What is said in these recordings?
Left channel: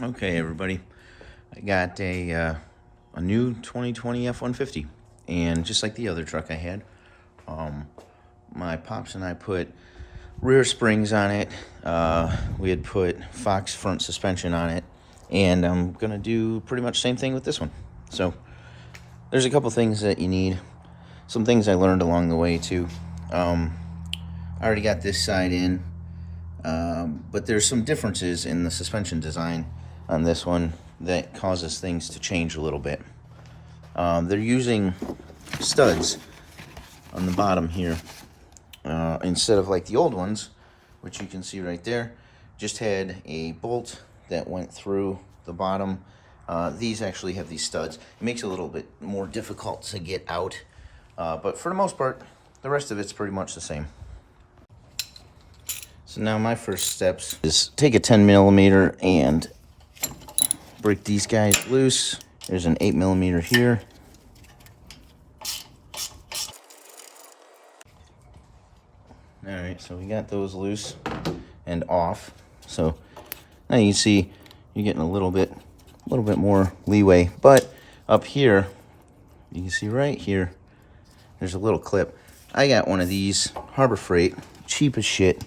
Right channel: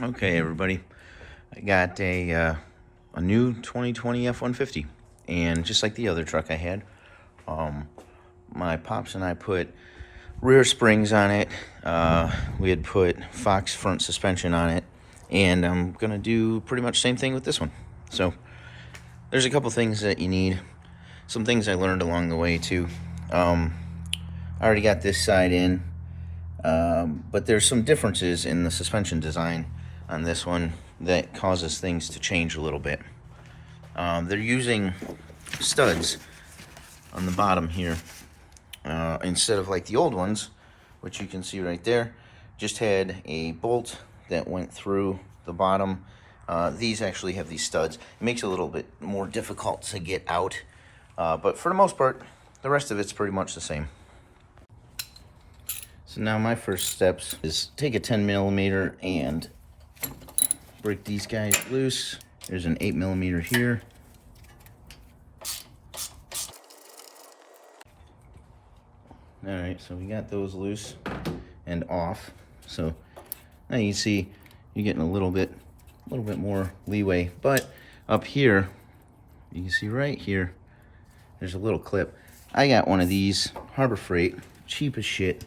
Okay, everybody, I got a new 2020 F-150, and just like the other truck I had, my pops and I put rear springs on it. We had put Fox front suspension on it, and I'm gonna do pretty much the same thing with this one. So there's a couple things that you need, some things I learned along the way too. I already got this side in, but there's some differences in the suspension design on this one that causes things to change a little bit. They're using studs on the bottom here instead of like the old ones, which you can see right there, just had a bolt that went through the bottom. These actually have these studs. It makes it a little bit more difficult to get out, but for the most part, the rest of it's pretty much the same. So now my first steps is take a 10mm and break these guys loose. There's an 8mm here. All right, so we got those loose and off. So now you see you're getting a little bit more leeway. But up here, you can see right here, there's a little clip. I got one of these, Harbor Freight, cheap as shit.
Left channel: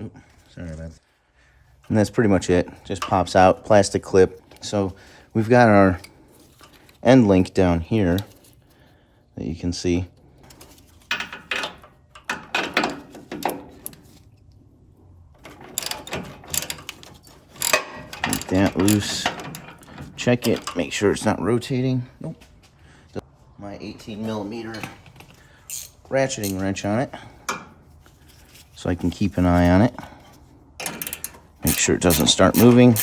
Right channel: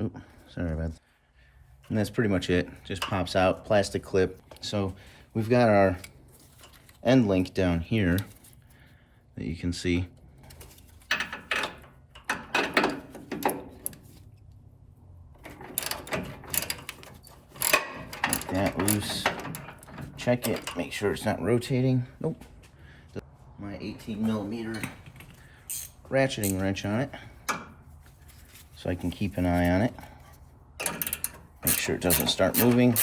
Oops, sorry about that. And that's pretty much it. Just pops out, plastic clip. So we've got our end link down here that you can see. Get that loose. Check it, make sure it's not rotating. Nope. My 18mm ratcheting wrench on it, so I can keep an eye on it. Make sure it doesn't start moving.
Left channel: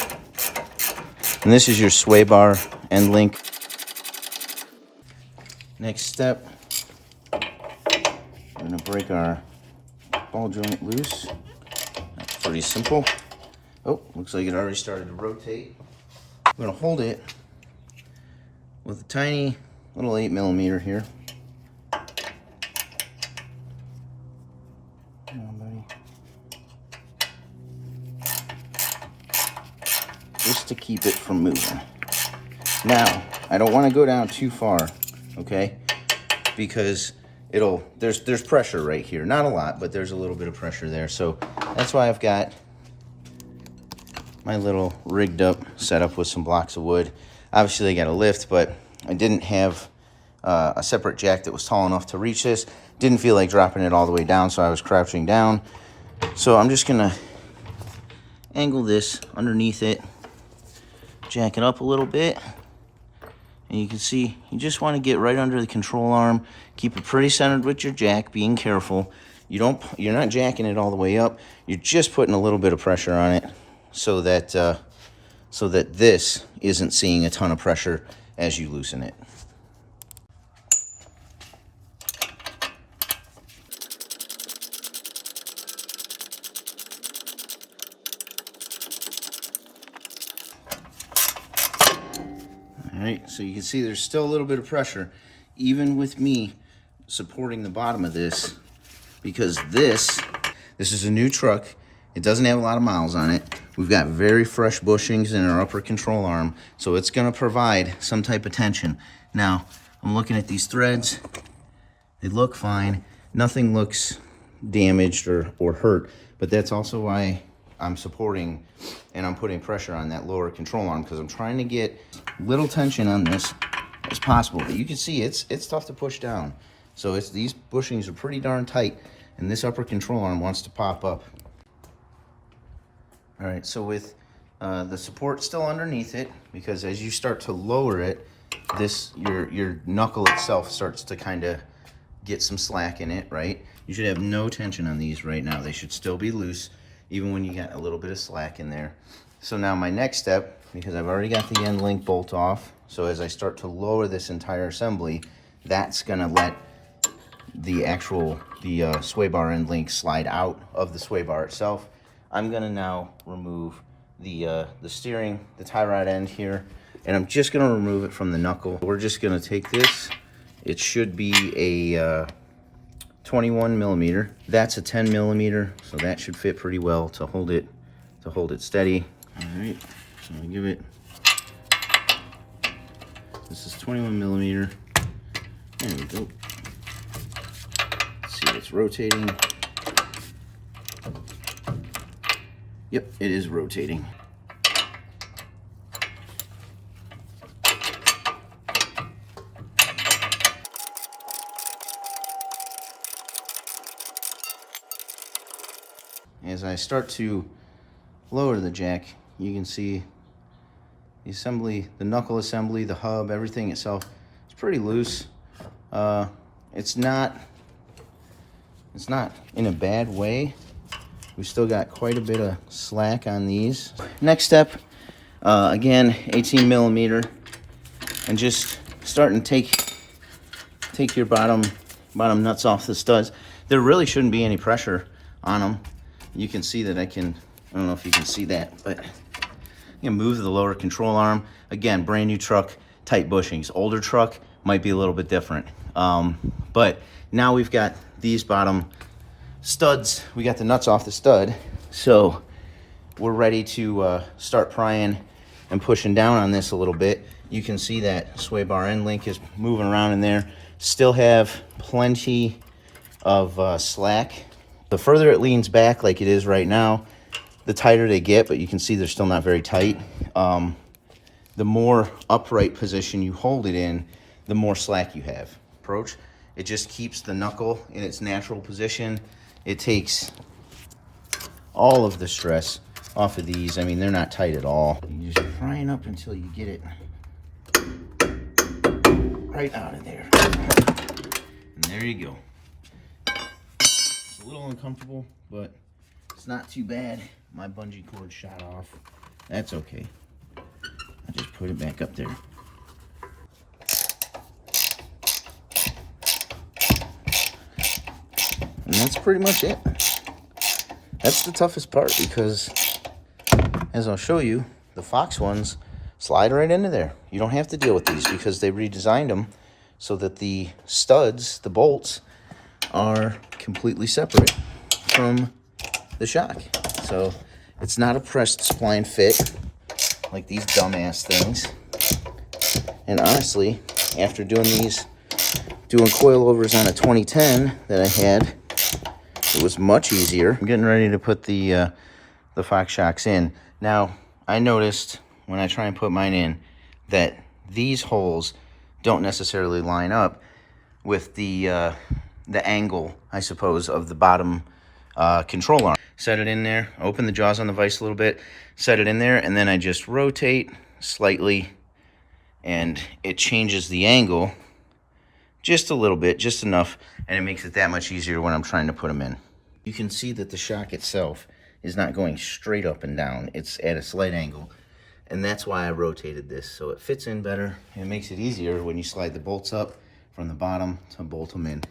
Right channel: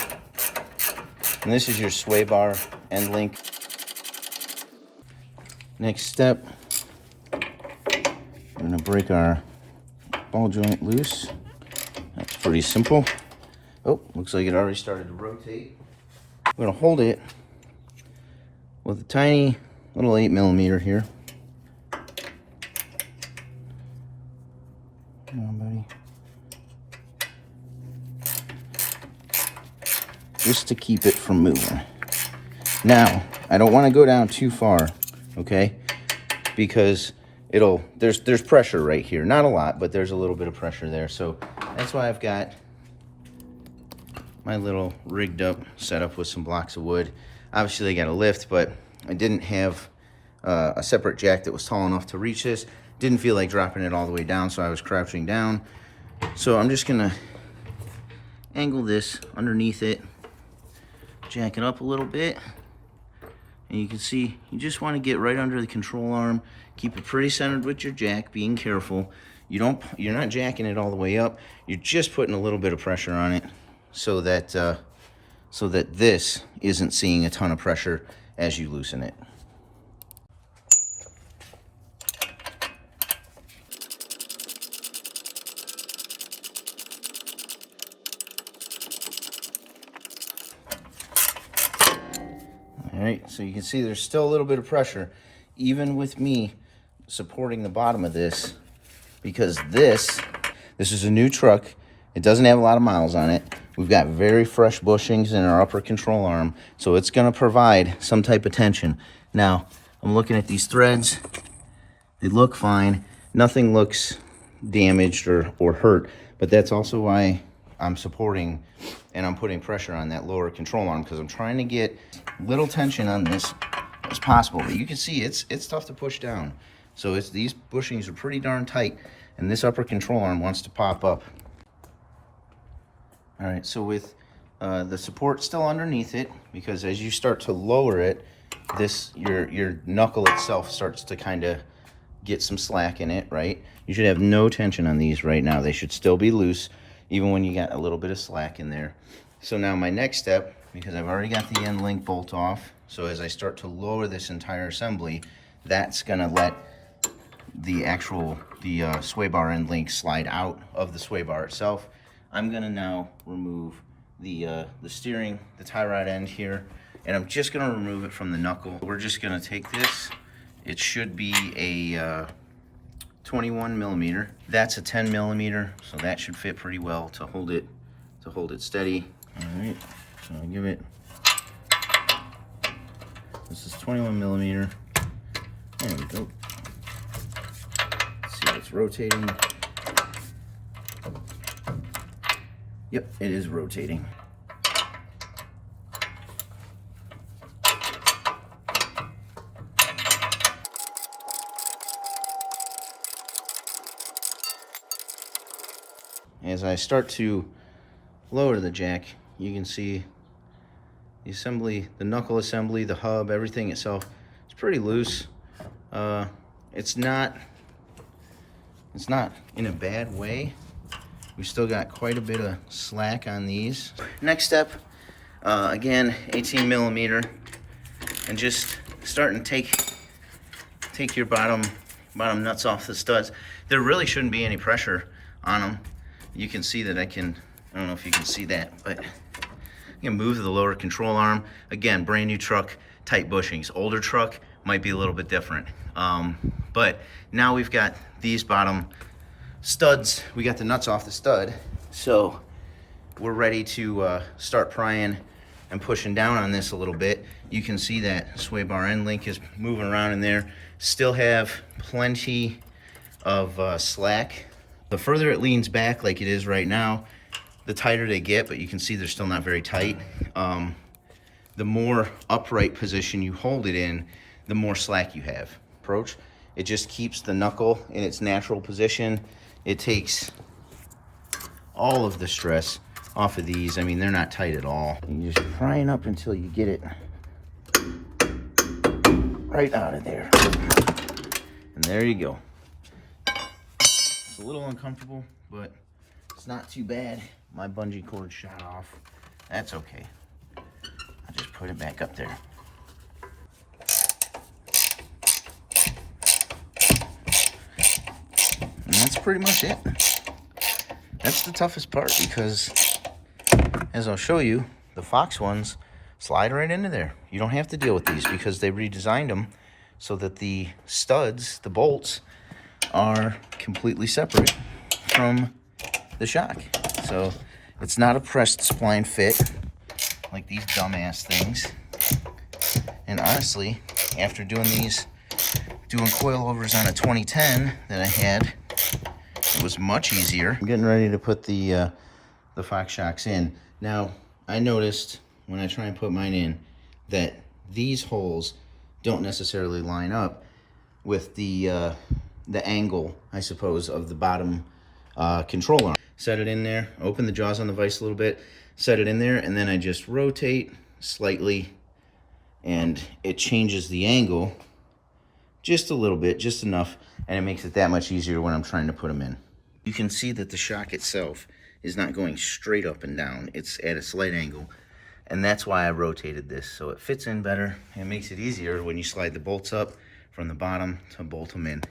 And this is your sway bar end link. Next step, we're gonna break our ball joint loose. That's pretty simple. Oh, looks like it already started to rotate. I'm gonna hold it with a tiny little 8mm here. Just to keep it from moving. Now, I don't want to go down too far, okay? Because there's pressure right here. Not a lot, but there's a little bit of pressure there. So that's why I've got my little rigged up setup with some blocks of wood. Obviously, I got a lift, but I didn't have a separate jack that was tall enough to reach this. Didn't feel like dropping it all the way down, so I was crouching down. So I'm just gonna angle this underneath it, jack it up a little bit, and you can see you just want to get right under the control arm. Keep it pretty centered with your jack, being careful. You're not jacking it all the way up. You're just putting a little bit of pressure on it so that this isn't seeing a ton of pressure as you loosen it. All right, so you can see there's still a little bit of pressure, even with me supporting the bottom of this, because this is a new truck. It doesn't have a lot of miles on it. We've got very fresh bushings in our upper control arm, so it's gonna provide some type of tension. Now, I'm looking at these threads. They look fine. Nothing looks damaged or hurt, but that's also why I'm supporting and I'm putting pressure on that lower control arm, because I'm trying to get little tension on this as possible. But you can see it's tough to push down. So these bushings are pretty darn tight, and this upper control arm wants to pop up. All right, so with the support still underneath it, because as you start to lower it, your knuckle itself starts to kind of get some slack in it, right? You should have no tension on these right now. They should still be loose, even when you got a little bit of slack in there. So now my next step, because I've already got the end link bolt off, so as I start to lower this entire assembly, that's gonna let the sway bar end link slide out of the sway bar itself. I'm gonna now remove the steering, the tie rod end here, and I'm just gonna remove it from the knuckle. We're just gonna take this. It should be a 21mm. That's a 10mm, so that should fit pretty well to hold to hold it steady. All right, so I give it, this is 21 millimeter. There we go. Let's see if it's rotating. Yep, it is rotating. As I start to lower the jack, you can see the assembly, the knuckle assembly, the hub, everything itself is pretty loose. It's not in a bad way. We still got quite a bit of slack on these. Next step, again, 18 millimeter, and just starting to take your bottom nuts off the studs. There really shouldn't be any pressure on them. You can see that I don't know if you can see that, but I can move the lower control arm. Again, brand new truck, tight bushings. Older truck might be a little bit different. But now we've got these bottom studs. We got the nuts off the stud. So we're ready to start prying and pushing down on this a little bit. You can see that sway bar end link is moving around in there. Still have plenty of slack. The further it leans back like it is right now, the tighter they get, but you can see they're still not very tight. The more upright position you hold it in, the more slack you have. Approach, it just keeps the knuckle in its natural position. It takes all of the stress off of these. I mean, they're not tight at all. You're just prying up until you get it right out of there. And there you go. It's a little uncomfortable, but it's not too bad. My bungee cord shot off. That's okay. I'll just put it back up there. And that's pretty much it. That's the toughest part because, as I'll show you, the Fox ones slide right into there. You don't have to deal with these because they redesigned them so that the studs, the bolts, are completely separate from the shock. So it's not a pressed spline fit like these dumbass things. And honestly, after doing coilovers on a 2010 that I had, it was much easier. I'm getting ready to put the Fox shocks in. Now, I noticed when I try and put mine in that these holes don't necessarily line up with the angle, I suppose, of the bottom control arm. Set it in there, open the jaws on the vise a little bit, set it in there, and then I just rotate slightly, and it changes the angle just a little bit, just enough, and it makes it that much easier when I'm trying to put them in. You can see that the shock itself is not going straight up and down. It's at a slight angle, and that's why I rotated this, so it fits in better and makes it easier when you slide the bolts up from the bottom to bolt them in.